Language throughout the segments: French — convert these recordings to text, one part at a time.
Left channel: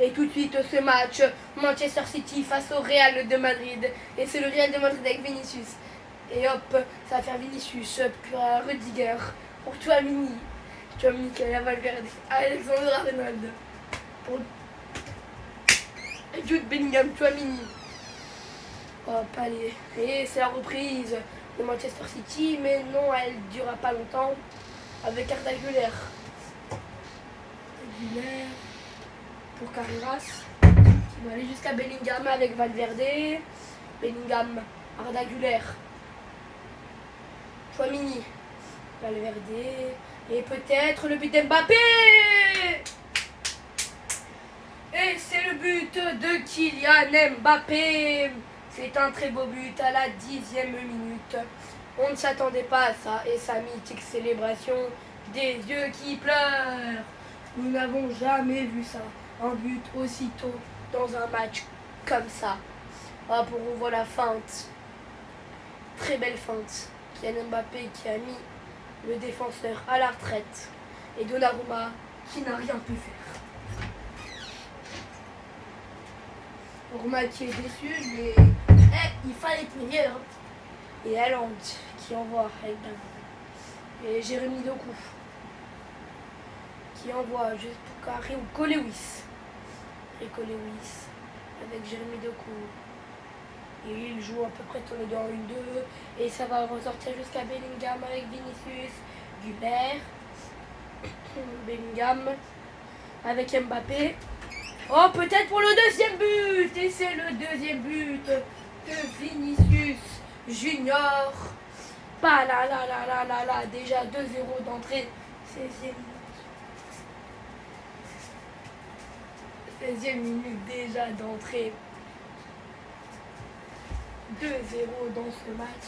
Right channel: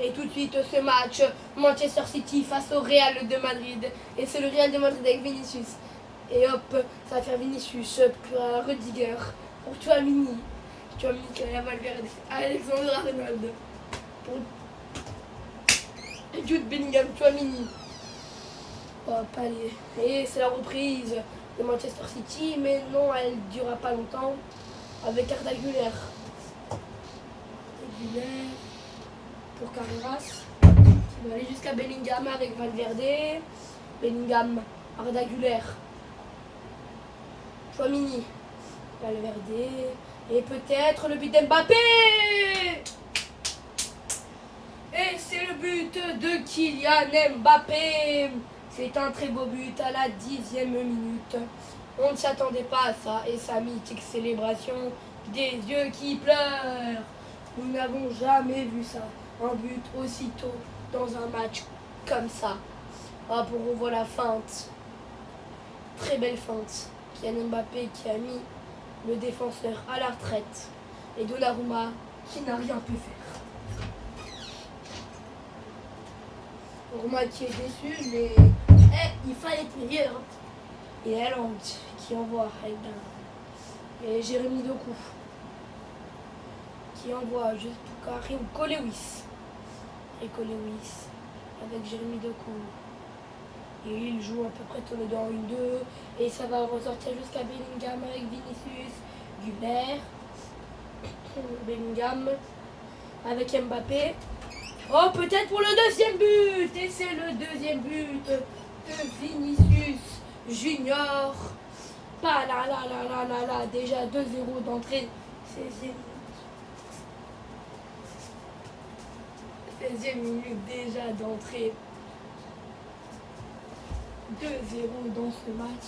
Et tout de suite, ce match, Manchester City face au Real de Madrid. Et c'est le Real de Madrid avec Vinicius. Et hop, ça va faire Vinicius pour Rudiger, pour Tchouaméni qui a Valverde, Alexandre Arnold, pour Jude Bellingham, Tchouaméni. Hop, allez. Et c'est la reprise de Manchester City, mais non, elle ne durera pas longtemps. Avec Arda Güler. Pour Carreras, qui va aller jusqu'à Bellingham avec Valverde. Bellingham, Arda Güler, Tchouaméni, Valverde, et peut-être le but d'Mbappé. Et c'est le but de Kylian Mbappé. C'est un très beau but à la 10e minute. On ne s'attendait pas à ça, et sa mythique célébration des yeux qui pleurent. Nous n'avons jamais vu ça. Un but aussitôt dans un match comme ça. Hop, on revoit la feinte. Très belle feinte. Kylian Mbappé qui a mis le défenseur à la retraite. Et Donnarumma qui n'a rien pu faire. Donnarumma qui est déçu, mais il fallait meilleur. Et Haaland qui envoie avec bien. Et Jérémy Doku qui envoie juste pour carré ou Colewis. Et Colewis avec Jérémy Doku. Et il joue à peu près tourné dans 1-2. Et ça va ressortir jusqu'à Bellingham avec Vinicius, Güler, Bellingham avec Mbappé. Oh, peut-être pour le deuxième but. Et c'est le deuxième but de Vinicius Junior. Pas là, déjà 2-0 d'entrée. 16e minute déjà d'entrée. 2-0 dans ce match.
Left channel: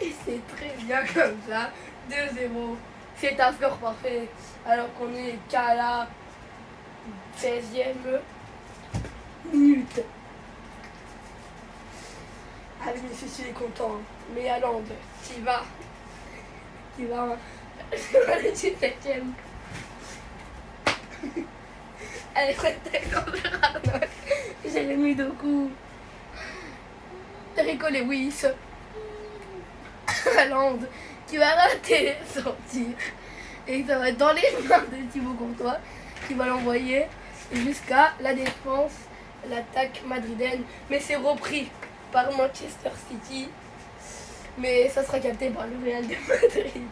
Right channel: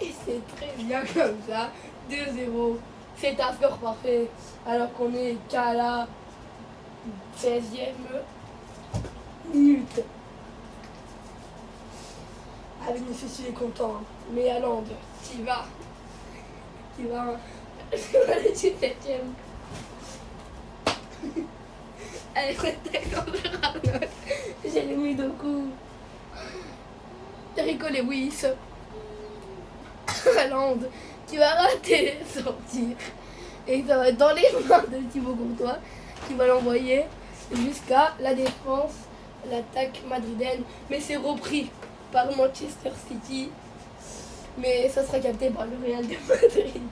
Et c'est très bien comme ça. 2-0. C'est un score parfait. Alors qu'on est qu'à la 16e minute. Ah, Vinicius il est content. Mais Haaland qui va à la 17e. Allez, Alexandre Arnold, Jérémy Doku, Rico Lewis, Haaland qui va rater son tir. Et ça va être dans les mains de Thibaut Courtois qui va l'envoyer jusqu'à la défense, l'attaque madrilène. Mais c'est repris par Manchester City. Mais ça sera capté par le Real de Madrid.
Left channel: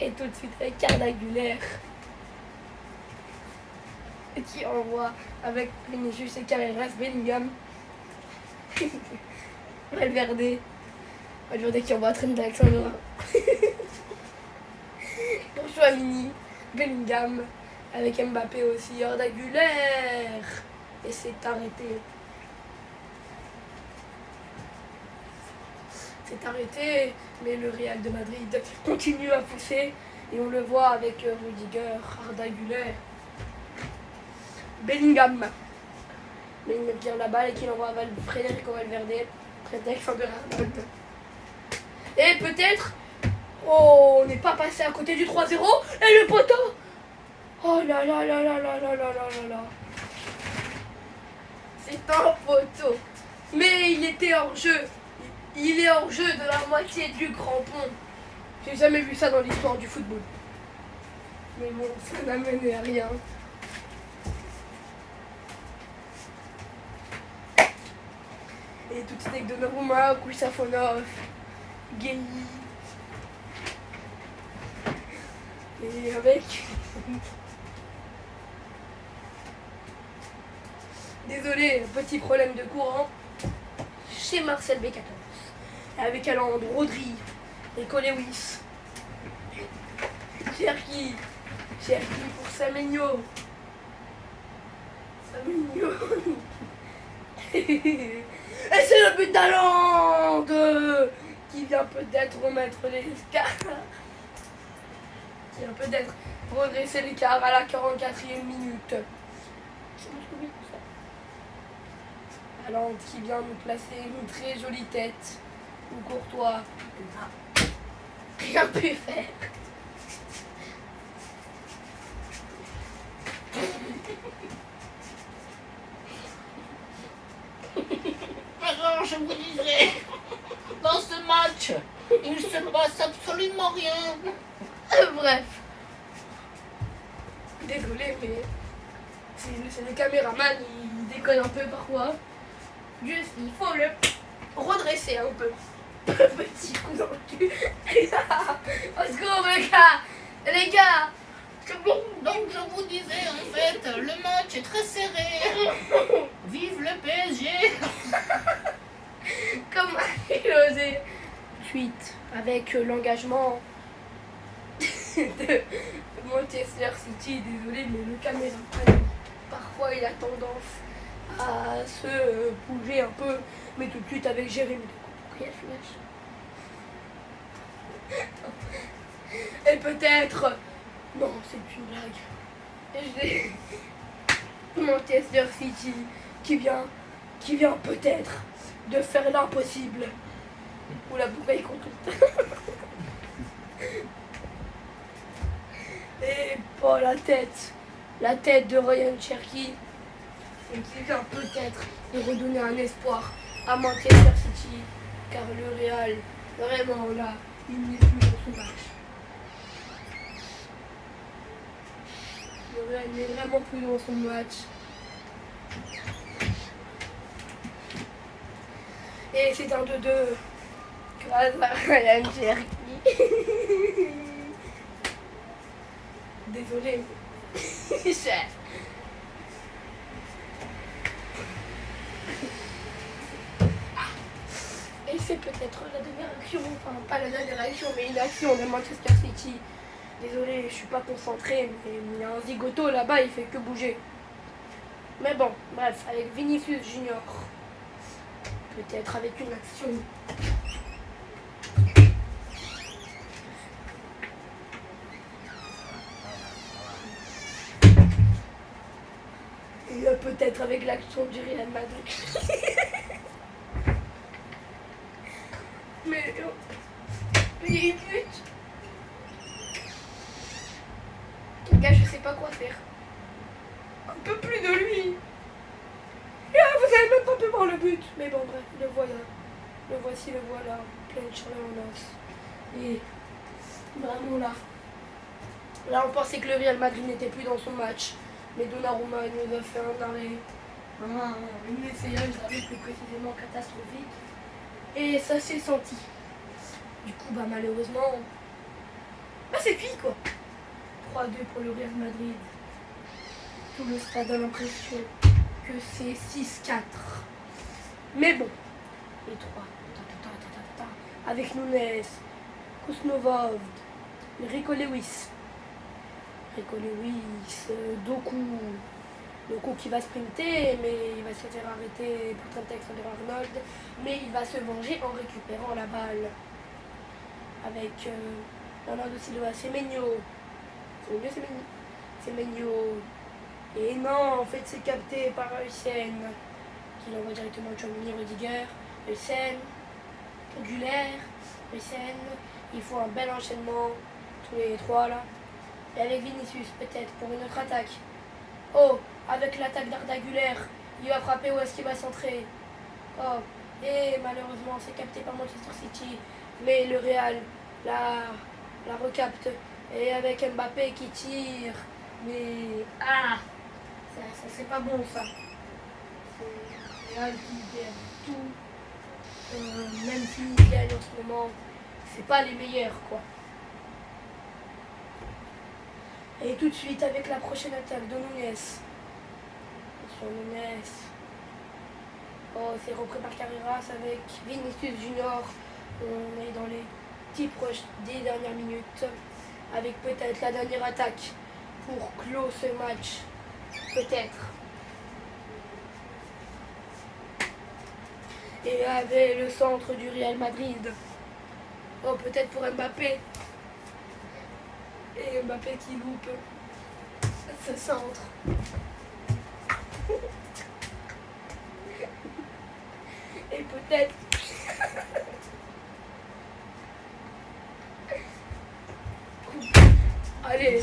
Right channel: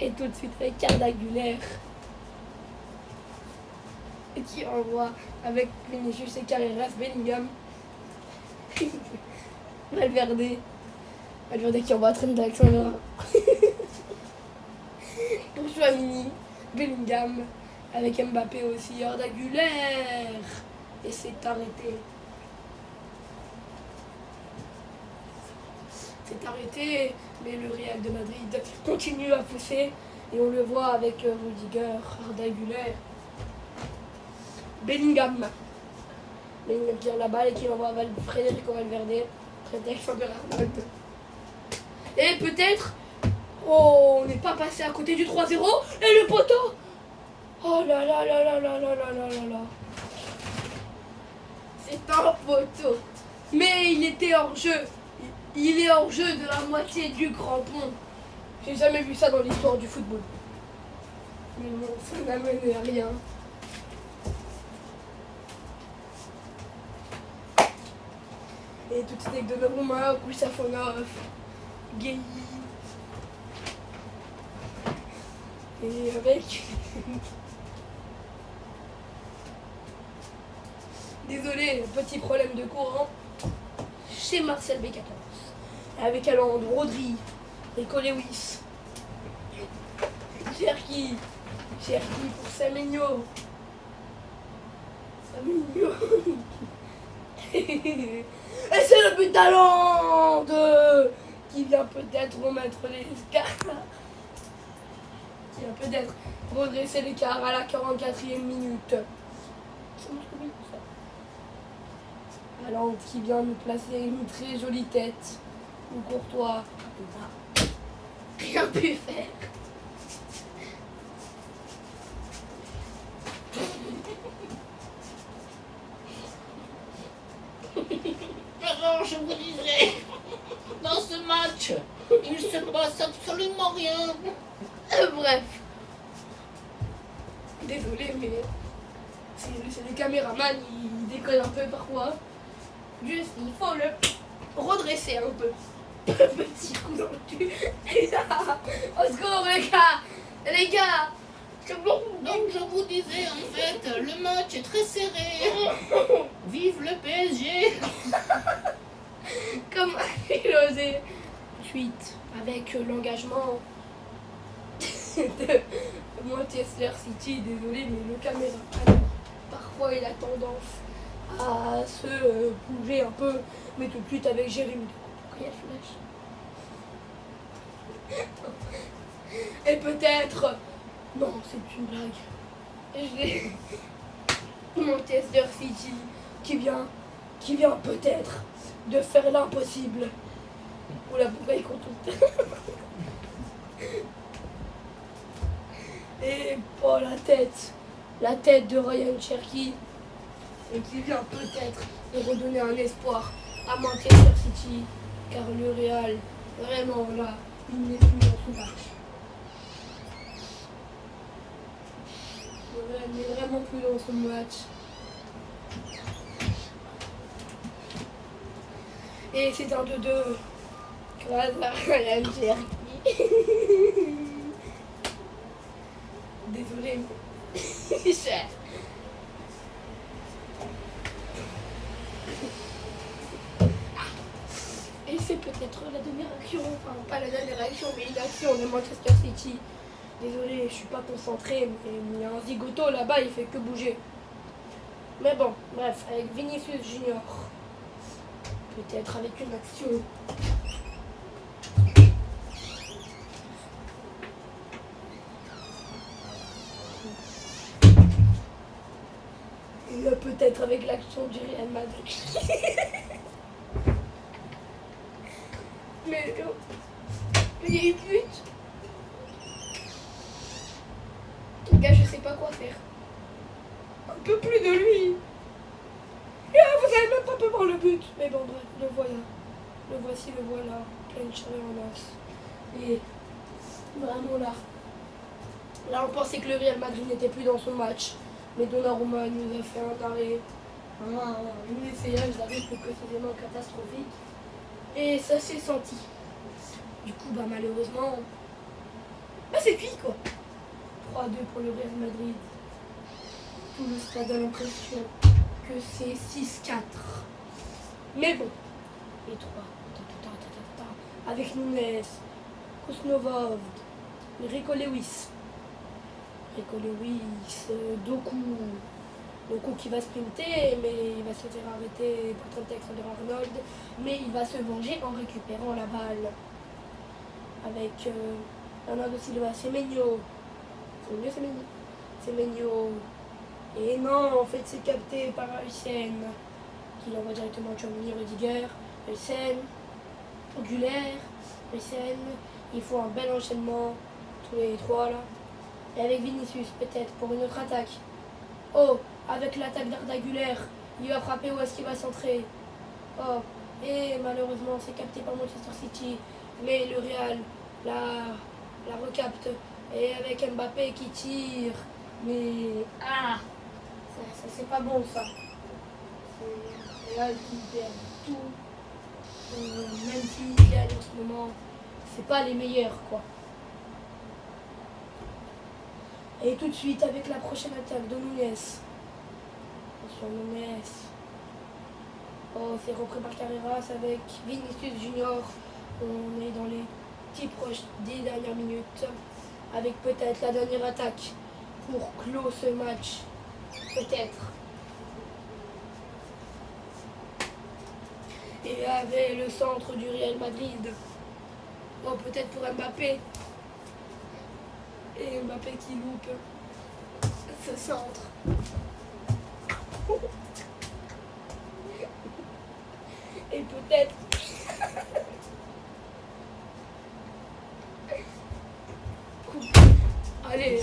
Et tout de suite avec Arda Güler qui envoie avec Vinicius et Carreras, Bellingham, Valverde qui envoie Trent d'Alexandre pour Tchouaméni, Bellingham avec Mbappé aussi, Arda Güler, et c'est arrêté. C'est arrêté, mais le Real de Madrid continue à pousser et on le voit avec Rudiger, Arda Güler, Bellingham qui a la balle et qui envoie Federico Valverde, Alexandre Arnold. Et peut-être, oh, on n'est pas passé à côté du 3-0 et le poteau. Oh là là là là là là là là là. C'est un poteau. Mais il était hors jeu. Il est hors jeu de la moitié du crampon. J'ai jamais vu ça dans l'histoire du football. Mais bon, ça n'a mené à rien. Et tout de suite avec Donnarumma, Kousafonov, Gueye. Et avec... Désolé, petit problème de courant chez Marcel B14. Et avec Haaland, Rodri, Rico Lewis, Cherki pour Semenyo. Et c'est le but d'Haaland qui vient peut-être remettre l'écart. Qui vient peut-être redresser l'écart à la 44e minute. Haaland qui vient nous placer une très jolie tête. Ou Courtois n'a rien pu faire. je vous disais, dans ce match, il se passe absolument rien. Bref. Désolé, mais c'est les caméramans, ils déconnent un peu parfois. Juste, il faut le redresser un peu. Petit coup dans le cul. Au secours, les gars. Les gars. C'est bon. Donc je vous disais, en fait, le match est très serré. Vive le PSG. Comment il osé suite avec l'engagement de Manchester City, désolé, mais le caméraman, parfois il a tendance à se bouger un peu, mais tout de suite avec Jérémy. Quel flash. Et peut-être, non, c'est une blague. Manchester City qui vient peut-être de faire l'impossible. Ou la bouteille qu'on tout. Et pas la tête de Ryan Cherky, et qui vient peut-être de redonner un espoir à Manchester City, car le Real, vraiment là, il n'est plus dans son match. Le Real n'est vraiment plus dans son match. Et c'est un 2-2 grâce à Ryan Cherky. Désolé. Chef. Et c'est peut-être la dernière action, enfin pas la dernière action, mais une action de Manchester City. Désolé, je suis pas concentré, mais il y a un zigoto là-bas, il fait que bouger. Mais bon, bref, avec Vinicius Junior. Peut-être avec une action. Et peut-être avec l'action du Real Madrid. Mais il but. Les gars, je sais pas quoi faire. Un peu plus de lui. Ah, vous avez même pas pu voir le but. Mais bon, bref, le voilà. Le voici, le voilà. Plein de chaleur en os. Et vraiment là. Là, on pensait que le Real Madrid n'était plus dans son match. Mais Donnarumma nous a fait un arrêt. Un essayage d'arrêt plus précisément catastrophique. Et ça s'est senti. Du coup, bah malheureusement, bah c'est cuit quoi. 3-2 pour le Real Madrid. Tout le stade a l'impression que c'est 6-4. Mais bon, les trois. Avec Nunes, Kousnovov, Rico Lewis, Doku qui va sprinter, mais il va se faire arrêter par Alexander-Arnold, mais il va se venger en récupérant la balle. Avec Bernardo Silva, Semenyo. Et non, en fait c'est capté par Hussein, qui l'envoie directement à Tchouaméni, Rudiger, Hussein, Güler, Hussein. Il faut un bel enchaînement, tous les trois là. Et avec Vinicius peut-être pour une autre attaque. Oh, avec l'attaque d'Arda Güler, il va frapper, où est-ce qu'il va centrer? Oh, et malheureusement c'est capté par Manchester City, mais le Real la recapte. Et avec Mbappé qui tire, mais ça c'est pas bon ça. C'est le Real qui perd tout, même s'il gagne en ce moment, c'est pas les meilleurs quoi. Et tout de suite avec la prochaine attaque de Nunes. Attention Nunes. Oh, c'est repris par Carreras avec Vinicius Junior. On est dans les petits proches des dernières minutes. Avec peut-être la dernière attaque pour clore ce match. Peut-être. Et avec le centre du Real Madrid. Oh, peut-être pour Mbappé. Et Mbappé qui loupe ce centre. Et peut-être allez,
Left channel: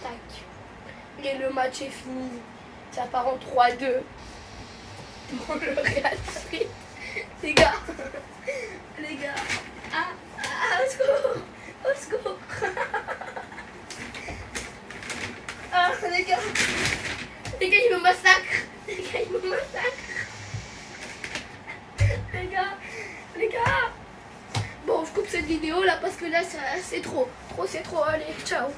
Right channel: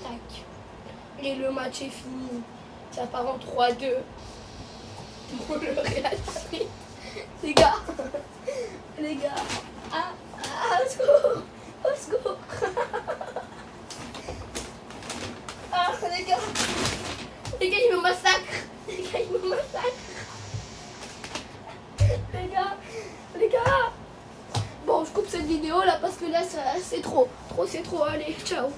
attaque. Et le match est fini. Ça part en 3-2 pour le Real Madrid. Les gars, les gars, au secours, au secours. Ah, les gars, ils me massacrent. Les gars, ils me massacrent. Les gars. Bon, je coupe cette vidéo là parce que là, c'est trop. C'est trop, allez, ciao.